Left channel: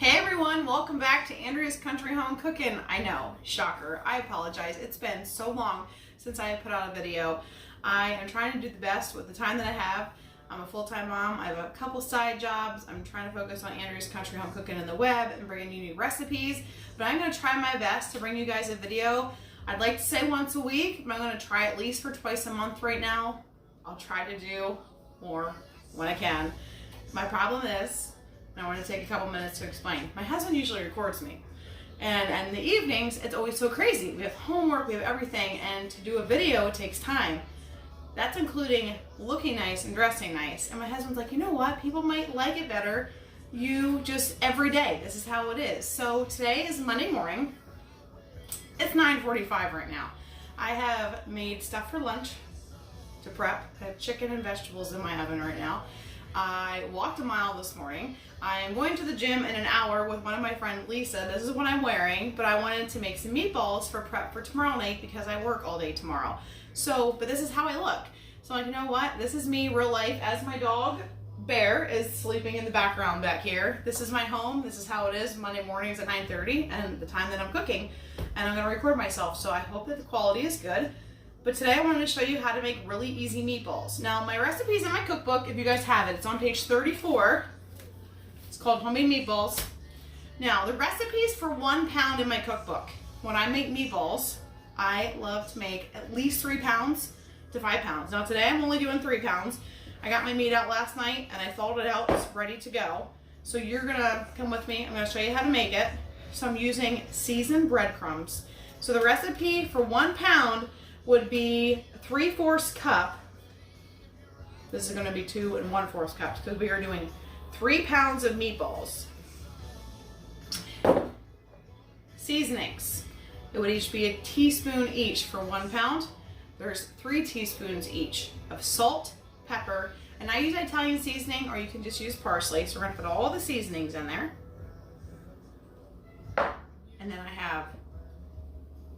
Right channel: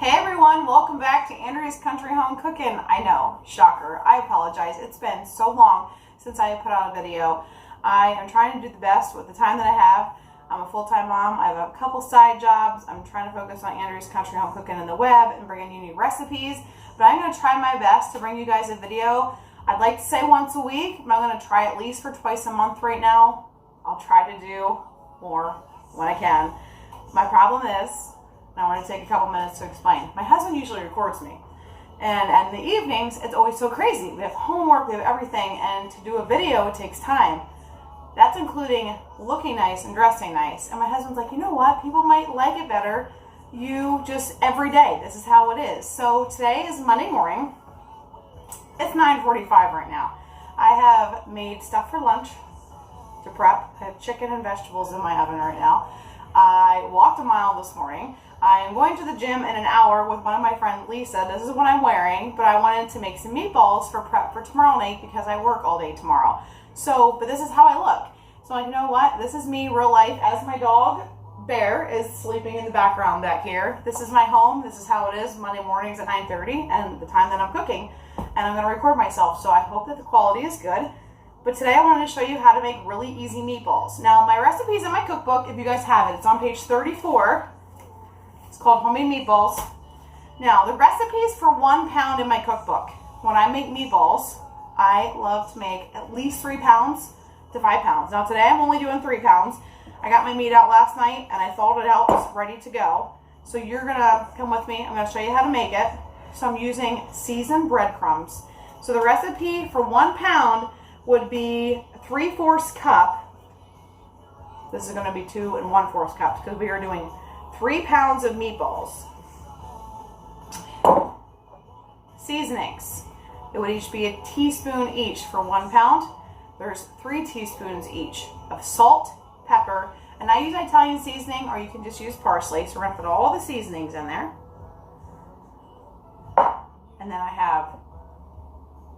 Hey everyone, welcome back to Andrea's Country Home Cooking. I know, shocker, I apologize. It's been so long since I have put out a video. I am trying to do the best with the time that I have. I'm a full-time mom. I have a couple side jobs. I'm trying to focus on Andrea's Country Home Cooking in the web and bringing you new recipes. But I'm going to try my best to bring you guys a video. I'd like to say once a week, but I'm going to try at least for twice a month right now. I'll try to do more when I can. My problem is, I want to take a couple minutes to explain. My husband usually records me. And in the evenings, it's always so crazy. We have homework, we have everything, and to do a video takes time. That's including looking nice and dressing nice. And my husband's like, you know what? People might like it better. You just, every day, this is how it is. So today is Monday morning. It's 9:45 right now. I have made stuff for lunch to prep. I have chicken and vegetables in my oven right now. I walked a mile this morning. I am going to the gym in an hour with one of my friends, Lisa. This is what I'm wearing, but I wanted to make some meatballs for prep for tomorrow night because I work all day tomorrow. So, but this is how I look. So like, you know what? This is me real life as my dog, Bear, is sleeping in the background back here. This is my home. This is how it is Monday mornings at 9:30 and the time that I'm cooking. And I'm going to record myself. So I hope that the quality is good. But today I wanted to show you how to make really easy meatballs. Now my recipe is in my cookbook if you guys have it. It's on page 34. It's called Homemade Meatballs. Now the recipes for 1 pound in my cookbook. When I make meatballs, I love to make at least 3 pounds to 5 pounds. Now today I'm only doing 3 pounds. I got my meat out last night and I thawed it out. It's ready to go. So you're gonna come with me. I'm gonna show you how to make it. So I'm using seasoned breadcrumbs. So the recipe for 1 pound would be 3/4 cup. This is gonna be 2 1/4 cups because we are doing 3 pounds of meatballs. Seasonings. It would each be a teaspoon each for 1 pound. There's 3 teaspoons each of salt, pepper, and I use Italian seasoning, or you can just use parsley. So we're gonna put all the seasonings in there. And then I have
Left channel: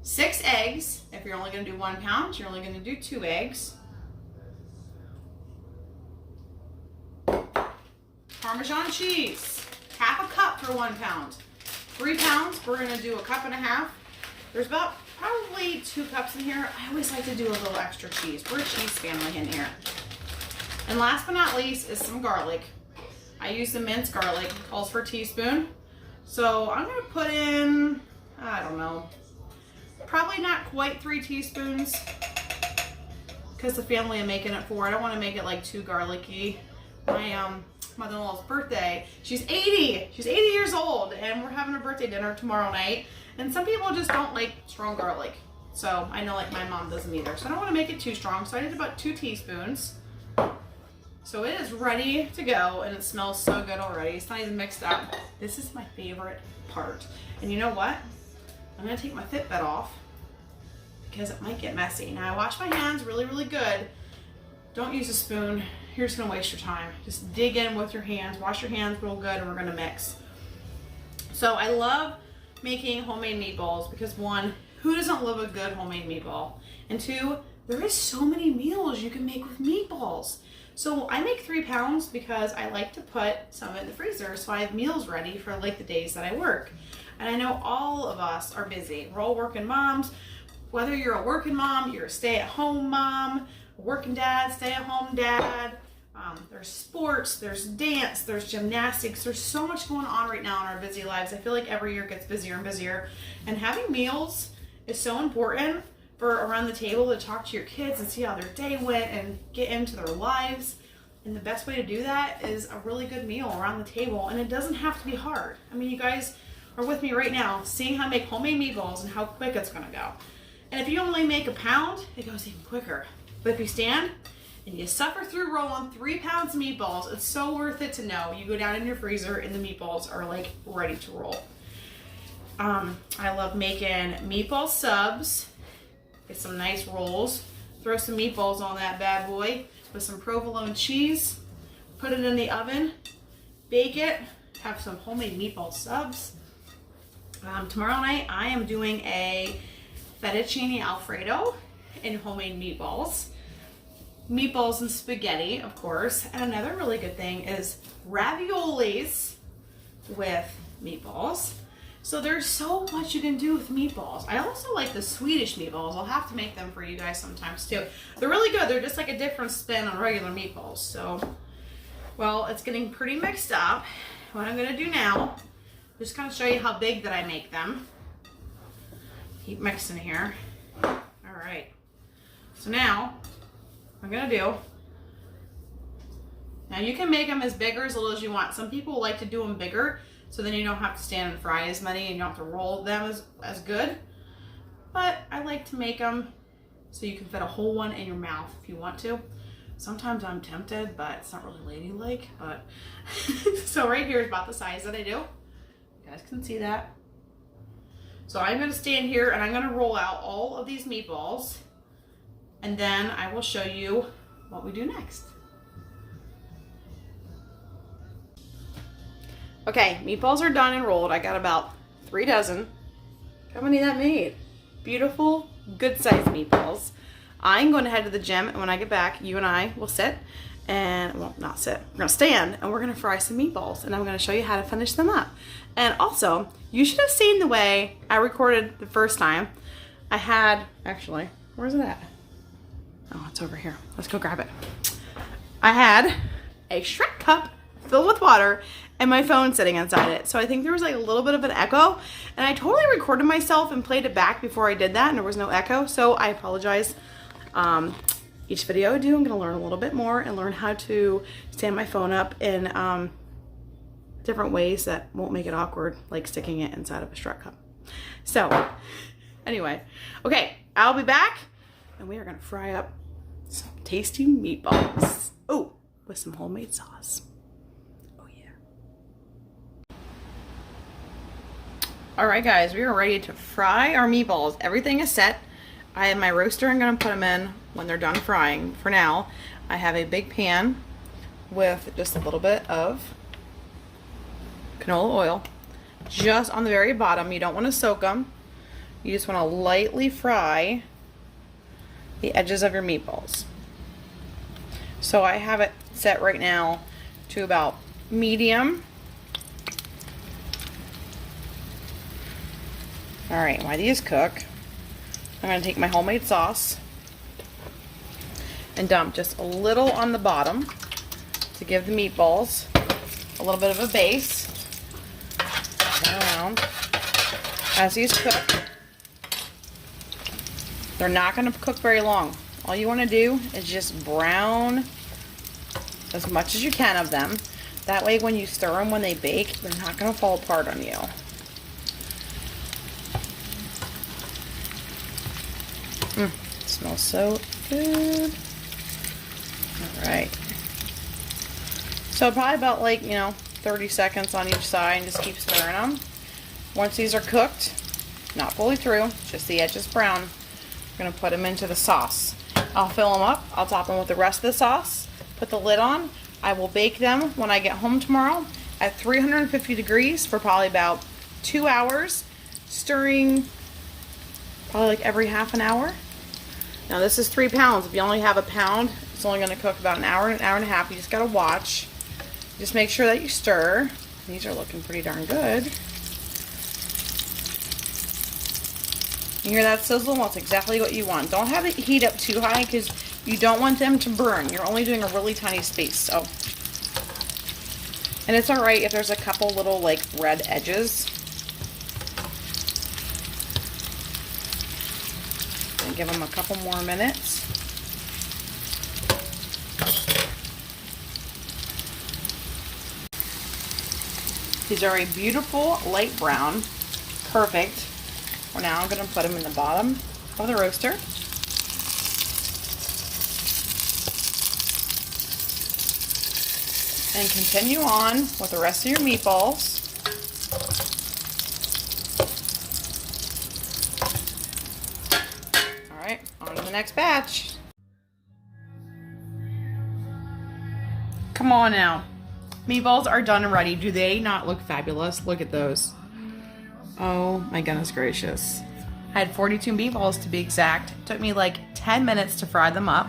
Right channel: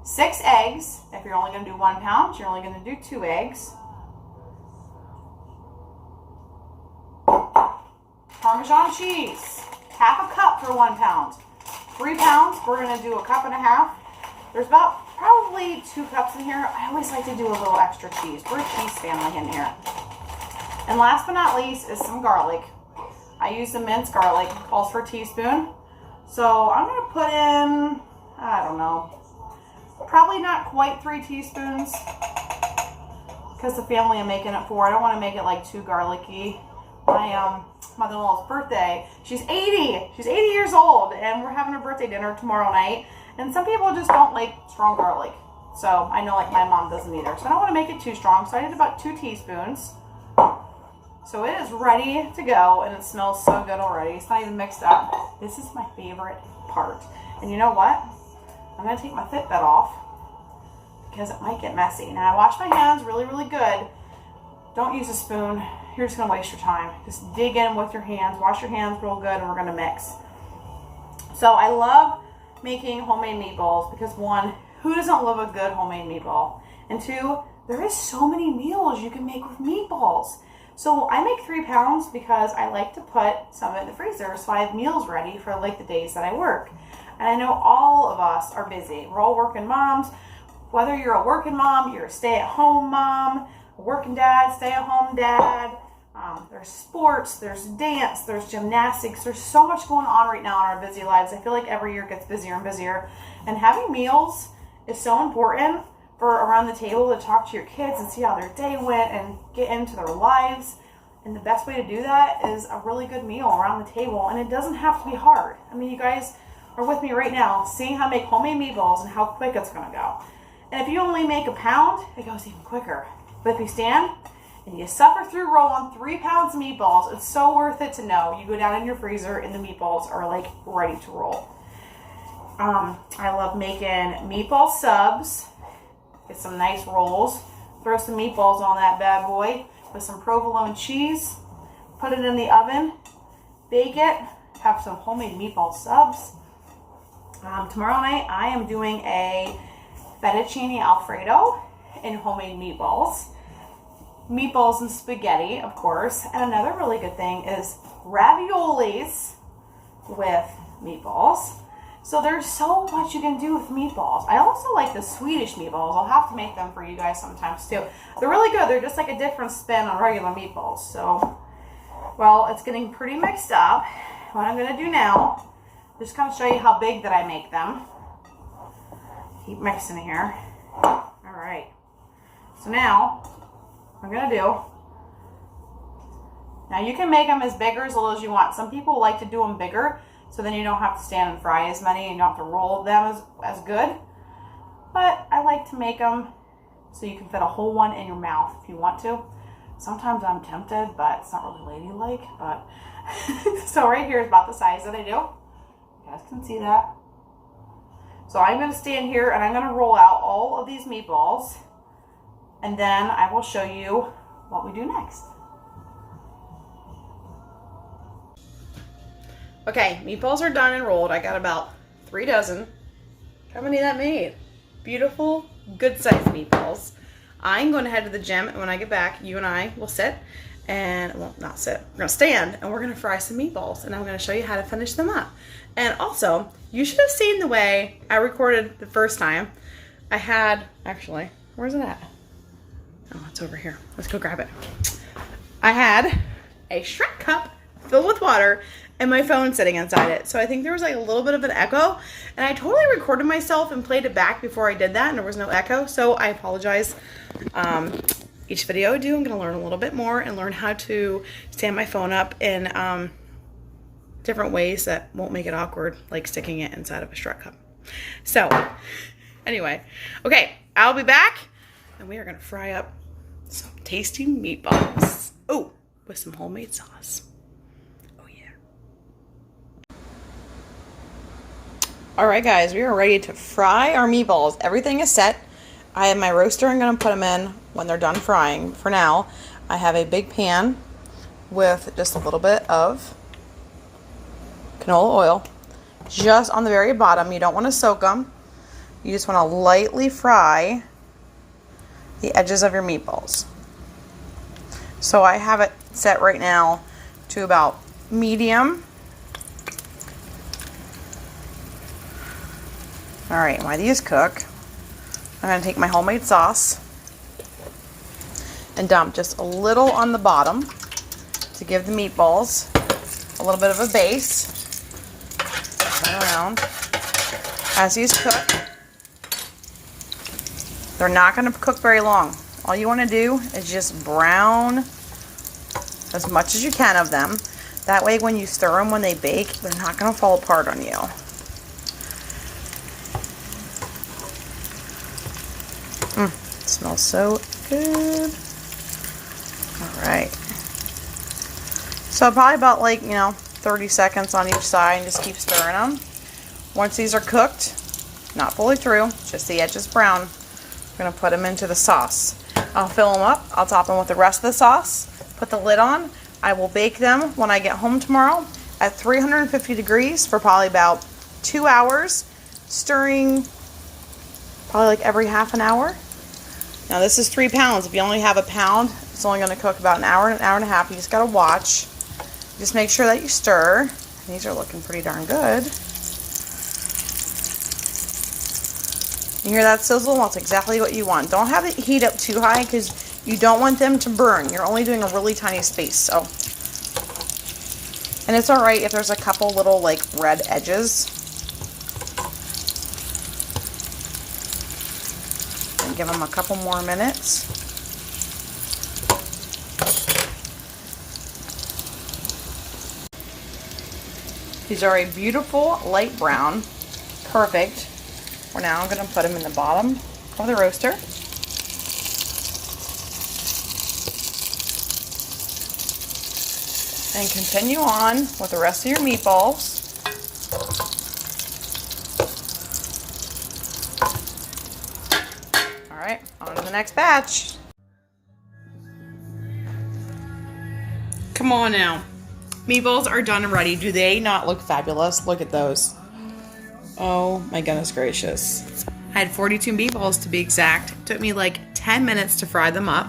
6 eggs. If you're only gonna do 1 pound, you're only gonna do 2 eggs. Parmesan cheese, 1/2 cup for 1 pound. 3 pounds, we're gonna do 1.5 cups. There's about probably 2 cups in here. I always like to do a little extra cheese. We're a cheese family in here. And last but not least is some garlic. I use the minced garlic, it calls for a teaspoon. So I'm gonna put in, I don't know, probably not quite 3 teaspoons because the family I'm making it for, I don't want to make it like too garlicky. My mother-in-law's birthday, she's 80 years old, and we're having a birthday dinner tomorrow night, and some people just don't like strong garlic. So I know like my mom doesn't either. So I don't want to make it too strong, so I did about 2 teaspoons. So it is ready to go, and it smells so good already. It's not even mixed up. This is my favorite part. And you know what? I'm going to take my Fitbit off because it might get messy. Now I wash my hands really, really good. Don't use a spoon. You're just going to waste your time. Just dig in with your hands. Wash your hands real good, and we're going to mix. So I love making homemade meatballs because 1, who doesn't love a good homemade meatball? And 2, there is so many meals you can make with meatballs. So I make 3 pounds because I like to put some in the freezer so I have meals ready for like the days that I work. And I know all of us are busy. We're all working moms. Whether you're a working mom, you're a stay-at-home mom, a working dad, stay-at-home dad, there's sports, there's dance, there's gymnastics. There's so much going on right now in our busy lives. I feel like every year gets busier and busier. And having meals is so important for around the table to talk to your kids and see how their day went and get into their lives. And the best way to do that is a really good meal around the table. And it doesn't have to be hard. I mean, you guys are with me right now seeing how to make homemade meatballs and how quick it's going to go. And if you only make 1 pound, it goes even quicker. But if you stand and you suffer through rolling 3 pounds of meatballs, it's so worth it to know you go down in your freezer and the meatballs are like ready to roll. I love making meatball subs. Get some nice rolls. Throw some meatballs on that bad boy with some provolone cheese. Put it in the oven. Bake it. Have some homemade meatball subs. Tomorrow night I am doing a fettuccine alfredo and homemade meatballs. Meatballs and spaghetti, of course. And another really good thing is raviolis with meatballs. So there's so much you can do with meatballs. I also like the Swedish meatballs. I'll have to make them for you guys sometimes too. They're really good. They're just like a different spin on regular meatballs. So, well, it's getting pretty mixed up. What I'm gonna do now, just kind of show you how big that I make them. Keep mixing here. All right. So now, what I'm gonna do, now you can make them as big or as little as you want. Some people like to do them bigger, so then you don't have to stand and fry as many and you don't have to roll them as good. But I like to make them so you can fit a whole one in your mouth if you want to. Sometimes I'm tempted, but it's not really ladylike. But so right here is about the size that I do. You guys can see that. So I'm gonna stand here and I'm gonna roll out all of these meatballs, and then I will show you what we do next. Okay, meatballs are done and rolled. I got about 3 dozen. How many that made? Beautiful, good sized meatballs. I'm going to head to the gym, and when I get back, you and I will sit and, well, not sit, we're going to stand and we're going to fry some meatballs, and I'm going to show you how to finish them up. And also, you should have seen the way I recorded the first time. I had, actually, where's it at? Oh, it's over here. Let's go grab it. I had a Shrek cup filled with water and my phone sitting inside it. So I think there was like a little bit of an echo, and I totally recorded myself and played it back before I did that, and there was no echo, so I apologize. Each video I do, I'm gonna learn a little bit more and learn how to stand my phone up in different ways that won't make it awkward, like sticking it inside of a Shrek cup. So anyway, okay, I'll be back and we are gonna fry up some tasty meatballs. Oh, with some homemade sauce. All right, guys, we are ready to fry our meatballs. Everything is set. I have my roaster. I'm going to put them in when they're done frying. For now, I have a big pan with just a little bit of canola oil. Just on the very bottom. You don't want to soak them. You just want to lightly fry the edges of your meatballs. So I have it set right now to about medium. All right, while these cook, I'm gonna take my homemade sauce and dump just a little on the bottom to give the meatballs a little bit of a base. Turn around. As these cook, they're not gonna cook very long. All you wanna do is just brown as much as you can of them. That way when you stir them when they bake, they're not gonna fall apart on you. Smells so good. All right. So probably about 30 seconds on each side, and just keep stirring them. Once these are cooked, not fully through, just the edges brown, we're gonna put them into the sauce. I'll fill them up. I'll top them with the rest of the sauce. Put the lid on. I will bake them when I get home tomorrow at 350 degrees for probably about 2 hours, stirring probably like every half an hour. Now this is 3 pounds. If you only have a pound, it's only going to cook about an hour and a half. You just got to watch. Just make sure that you stir. These are looking pretty darn good. You hear that sizzle? Well, that's exactly what you want. Don't have it heat up too high because you don't want them to burn. You're only doing a really tiny space. So, and it's all right if there's a couple little like red edges. And give them a couple more minutes. These are a beautiful light brown. Perfect. We're now going to put them in the bottom of the roaster. And continue on with the rest of your meatballs. All right, on to the next batch. Come on now. Meatballs are done and ready. Do they not look fabulous? Look at those. Oh my goodness gracious. I had 42 meatballs to be exact. It took me like 10 minutes to fry them up,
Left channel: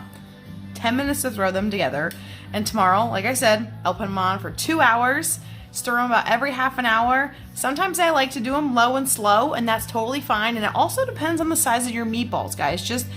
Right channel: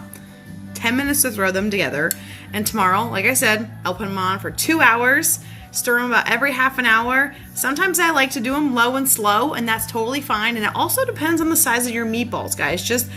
10 minutes to throw them together. And tomorrow, like I said, I'll put them on for 2 hours, stir them about every half an hour Sometimes I like to do them low and slow, and that's totally fine. And it also depends on the size of your meatballs, guys. Just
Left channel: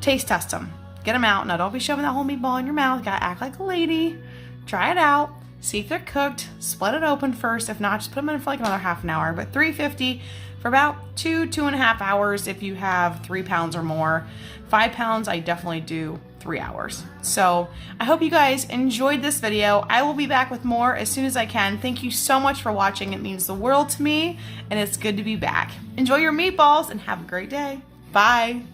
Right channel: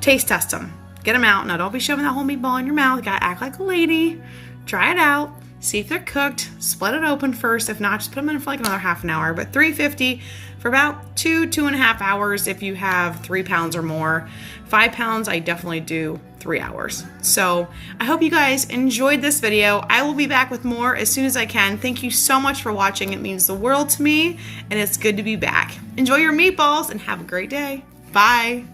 taste test them. Get them out. Now, don't be shoving that whole meatball in your mouth. You gotta act like a lady. Try it out. See if they're cooked. Split it open first. If not, just put them in for like another half an hour. But 350 for about 2.5 hours if you have 3 pounds or more. 5 pounds, I definitely do 3 hours. So I hope you guys enjoyed this video. I will be back with more as soon as I can. Thank you so much for watching. It means the world to me, and it's good to be back. Enjoy your meatballs and have a great day. Bye.